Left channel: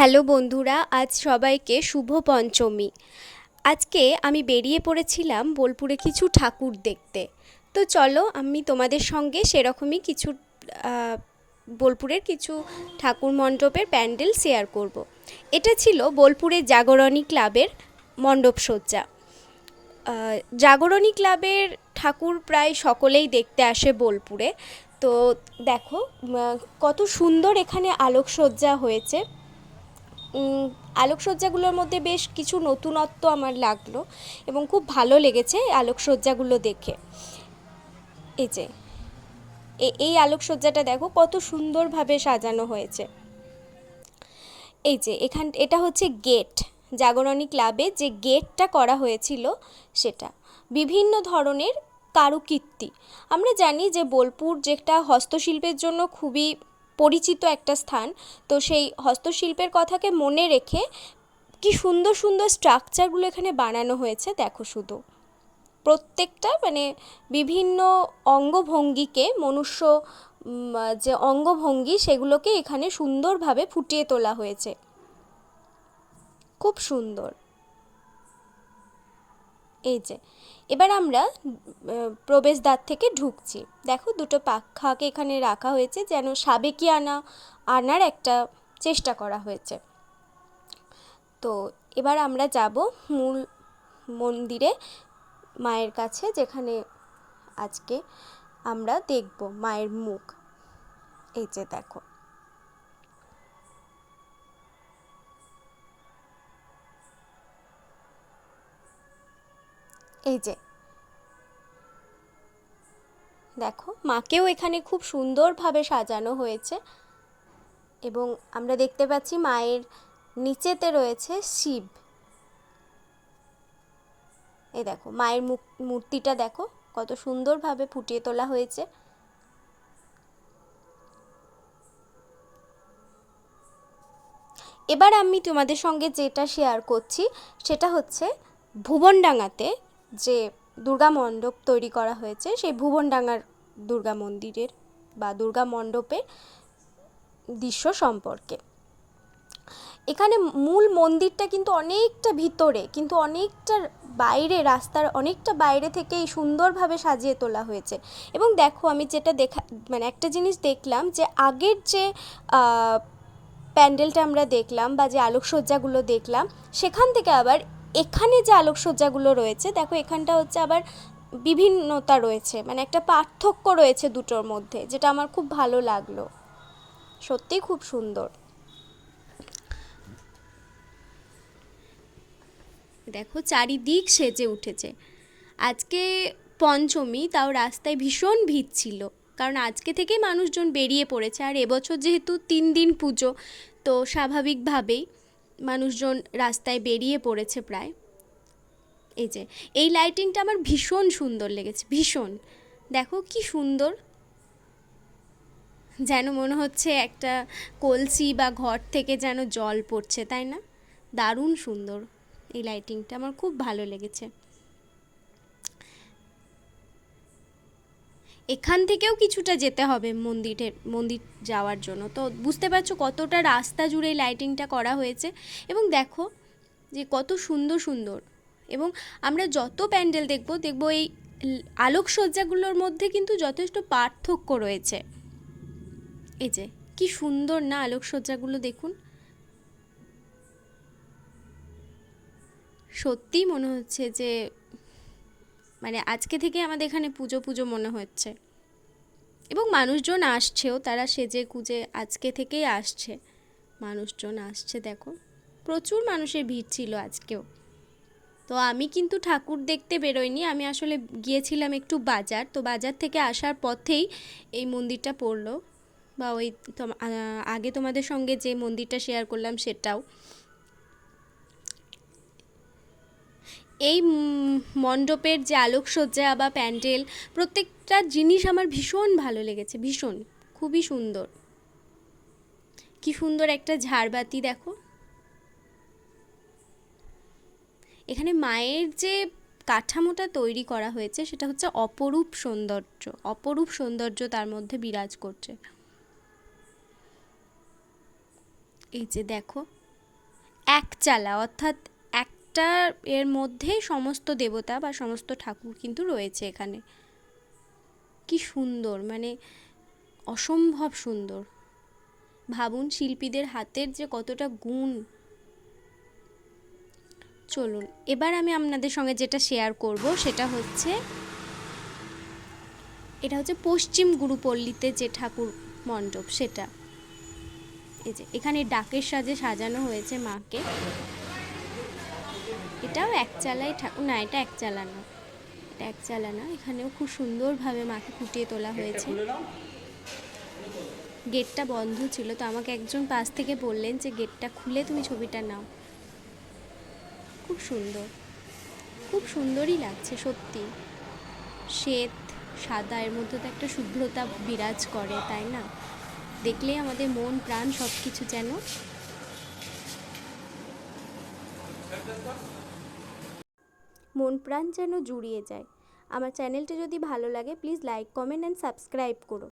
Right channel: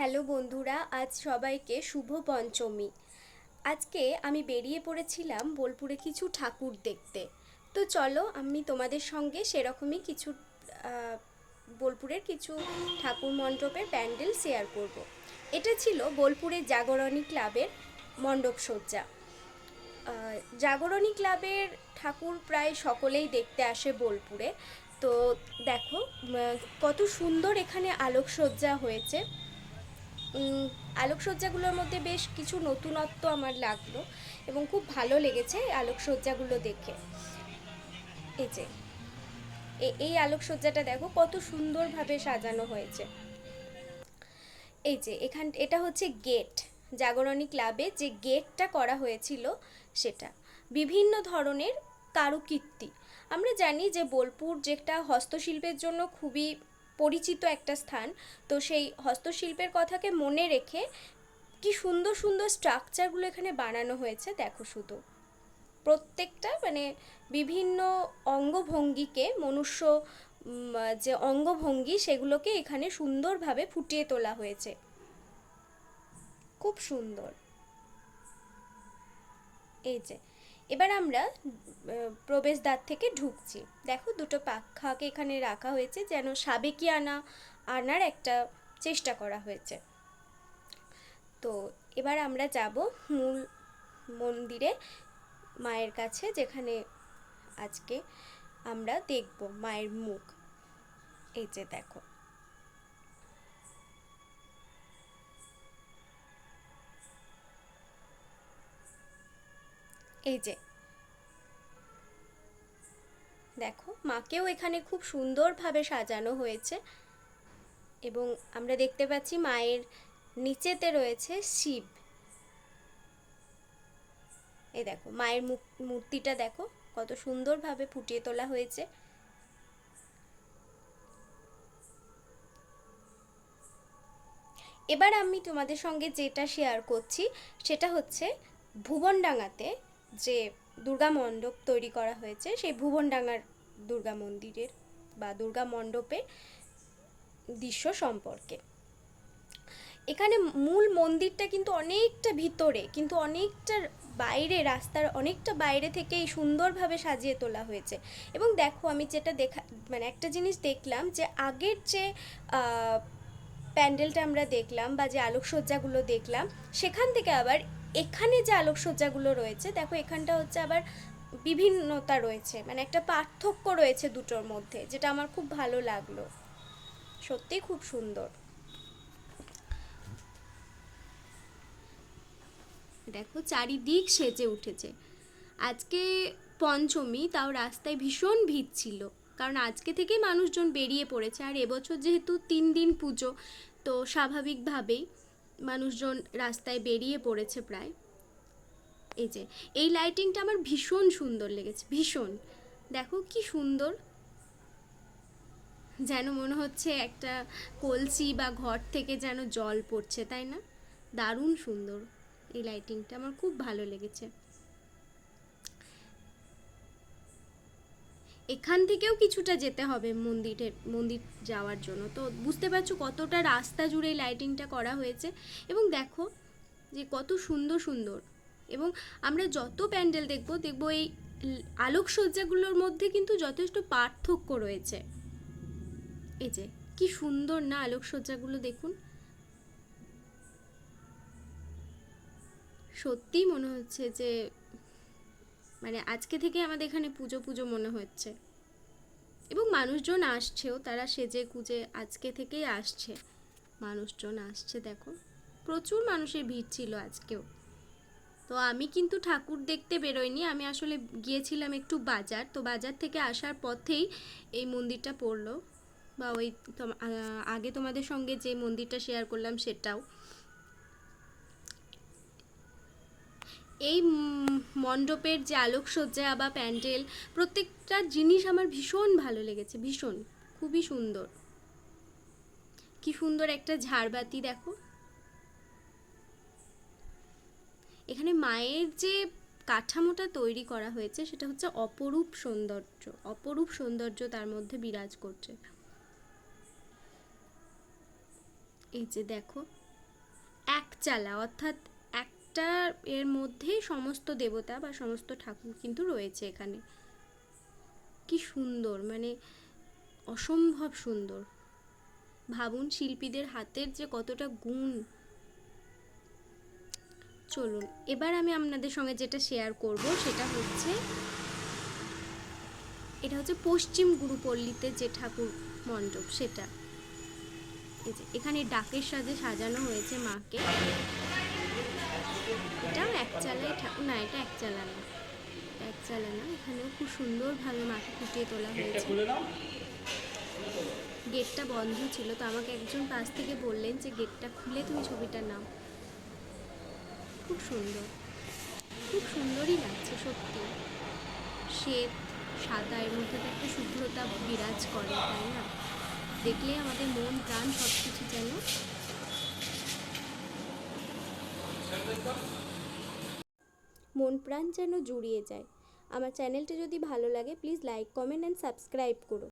Hello বন্ধুরা, আজ সবাইকে শুভ পঞ্চমী। আজকে আমি বেরিয়ে পড়েছিলাম বোলপুরে কিছু ঠাকুর দেখতে। তো চলো আমি তোমাদের সঙ্গে সেরকমই কিছু আহ, বোলপুরের কিছু ঠাকুর মণ্ডপের প্যান্ডেল শেয়ার করব। এটা ছিল বোলপুরের জাগরণী ক্লাবের মণ্ডপসজ্জা। জাগরণী ক্লাবের ঠাকুর প্রায় সকলেই দেখতে আসে বোলপুরে। তো দেখো কত সুন্দর এখানে আলোকসজ্জা হয়েছে। আলোকসজ্জাগুলোর মধ্যে বেশ কিছু নতুনত্ব আমার লাগলো এবং খুব ভালো লেগেছে আলোকসজ্জাগুলো দেখে। এই যে এই আলোকসজ্জাটা দেখো কত সুন্দরভাবে সাজানো হয়েছে। এই যে এটা হচ্ছে গেট, জাগরণী ক্লাবে যে গেটটা করা হয়েছিল সেটা বিভিন্ন ধরনের কারুকীর্তি। আমরা জানি যে বোলপুর যেটা হস্তশিল্পের জন্য খুবই পরিচিত একটা স্থান। তো সেই হস্তশিল্পের কথাকে মনে রেখে কি সুন্দর সুন্দর স্ট্রাকচারগুলো এখানে বানানো হয়েছে দেখো শুধু। প্রত্যেকটা মানে বিভিন্ন অঙ্গভঙ্গিকে যে অঙ্গভঙ্গি সেগুলোকে এখানে সুন্দরভাবে ফুটিয়ে তোলা হয়েছে, খুব সুন্দর। এই যে এবার আমরা প্রবেশদ্বার থেকে ঢুকছি। দেখো দুটো পাখাকে এখানে রাখা হয়েছে যেন সাবেকিয়ানা আনার একটা চেষ্টা করা হয়েছে। তো এবার আমরা যাব মূল মন্দিরে, মায়ের কাছে, যেখানে আজকে আমরা দেখব মায়ের মুখ। এই যে দেখো, এই যে দেখো মাকেও এখানে খুব সুন্দরভাবে সাজানো হয়েছে এবং আমরা দেখতে পাচ্ছি মায়ের নিচেতে রয়েছে শিব। এই দেখো মায়ের মূর্তিটা দেখো কত সুন্দরভাবে ফুটিয়ে তোলা হয়েছে। এবার আমি তোমাদের সঙ্গে যেটা শেয়ার করছি সেটা হচ্ছে ভুবনডাঙাতে যে দুর্গা মণ্ডপ তৈরি করা হয়েছে, সেই ভুবনডাঙার দুর্গা মন্দিরের বা দুর্গা মণ্ডপের দৃশ্য সম্পর্কে। এখানে মূল মন্দিরটা কিন্তু অনেকটা ভিতরে, কিন্তু অনেকটা বাইরে, রাস্তার অনেকটা বাইরে থেকে এই সুন্দরভাবে সাজিয়ে তোলা হয়েছে। এবং দেখো আমি যেটা মানে একটা জিনিস দেখলাম যে আগের যে প্যান্ডেলটা আমরা দেখলাম বা যে আলোকসজ্জাগুলো দেখলাম সেখান থেকে আবার এখানে যে আলোকসজ্জাগুলো রয়েছে দেখো এখানটা হচ্ছে আবার বিভিন্নতা রয়েছে, মানে একটা পার্থক্য রয়েছে দুটোর মধ্যে, যেটা আমার খুব ভালো লাগলো। সত্যিই খুব সুন্দর। দেখো চারিদিক সেজে উঠেছে। আজকে পঞ্চমী, তাও রাস্তায় ভীষণ ভিড় ছিল, কারণ আজকে থেকে মানুষজন বেরিয়ে পড়েছে। আর এবছর যেহেতু 3 দিন পুজো, তো স্বাভাবিকভাবেই মানুষজন রাস্তায় বেরিয়ে পড়েছে প্রায়। এই যে এই লাইটিংটা আমার ভীষণ সুন্দর লেগেছে, ভীষণ। দেখো কি সুন্দর, যেন মনে হচ্ছে একটা কলসি বা ঘর থেকে যেন জল পড়ছে, তাই না? দারুণ সুন্দর এই লাইটিংটা, আমার খুব ভালো লেগেছে। এখান থেকেও কিছুটা যেতে হবে মন্দির যাওয়ার জন্য। তো বুঝতে পারছো কতটা রাস্তা জুড়ে এই লাইটিংটা করা হয়েছে। এবং দেখো যে কত সুন্দর সুন্দর, এবং আমরা যত প্যান্ডেল দেখবো এই আলোকসজ্জাগুলোর মধ্যে কিন্তু যথেষ্ট পার্থক্য রয়েছে। এই যে কি সুন্দর না আলোকসজ্জাগুলো, দেখুন। সত্যিই মনে হচ্ছে যে মানে আজকে থেকে আমাদের এখানে পুজো পুজো মনে হচ্ছে। এবং মানুষজন আসছেও, তারা সেজে গুজে আজকে থেকেই আসছে, মানুষজন আসছে। দেখো প্রচুর মানুষের ভিড় ছিল আজকেও। তো আমি কিন্তু ঠাকুর দেখতে বেরোইনি, আমি আসলে গিয়েছিলাম একটু বাজার। তো বাজার থেকে আসার পথেই এই মন্দিরটা পড়লো, বা ওই আগে তোমাদের সঙ্গে যে মন্দিরটা শেয়ার করলাম সেটাও। এই মণ্ডপের যে আলোকসজ্জা বা প্যান্ডেল, প্রত্যেকটা জিনিস আমার ভীষণ ভালো লেগেছে, ভীষণ, খুবই সুন্দর। কি সুন্দর একটা ঝাড়বাতি দেখো। এখানে মায়ের যে কাঠামোটা তৈরি করা হয়েছে সেটা হচ্ছে অপরূপ সৌন্দর্য, অপরূপ সৌন্দর্য তার মধ্যে বিরাজ করছে। এই যে দেখো একচালা, অর্থাৎ একটা এর মধ্যেই সমস্ত দেবতা বা সমস্ত ঠাকুর কিন্তু রয়েছে এখানে। কি সুন্দর, মানে অসম্ভব সুন্দর। ভাবুন শিল্পীদের হাতের যে কতটা গুণ। চলুন এবার আমি আপনাদের সঙ্গে যেটা শেয়ার করব সেটা হচ্ছে, এটা হচ্ছে পশ্চিম গুরুপল্লীতে যে ঠাকুর মণ্ডপ সেটা। এই যে এখানে ডাকের সাজে সাজানো হয়েছে মাকে। এটাও একচালাই ঠাকুর, না এটা একচালা না, এটা একচালা না। এখানেও খুব সুন্দরভাবে মাকে ফুটিয়ে তোলা হয়েছে। গেটটা বন্ধ ছিল, তো আমাকে একজন পাশ থেকে বললেন যে গেটটা খুলে তুমি ছবিটা নাও। খুব সুন্দর, খুব সুন্দরই লাগছে সত্যি। শ্বেত সাদা, এর মধ্যে তো একটা শুভ্রতা বিরাজ করে, তাই না? দেখলে আমাদের মন প্রাণ সব কিছু যেন জুড়িয়ে যায়। আমার চ্যানেলটা যদি ভালো লাগে please like, comment and subscribe করো।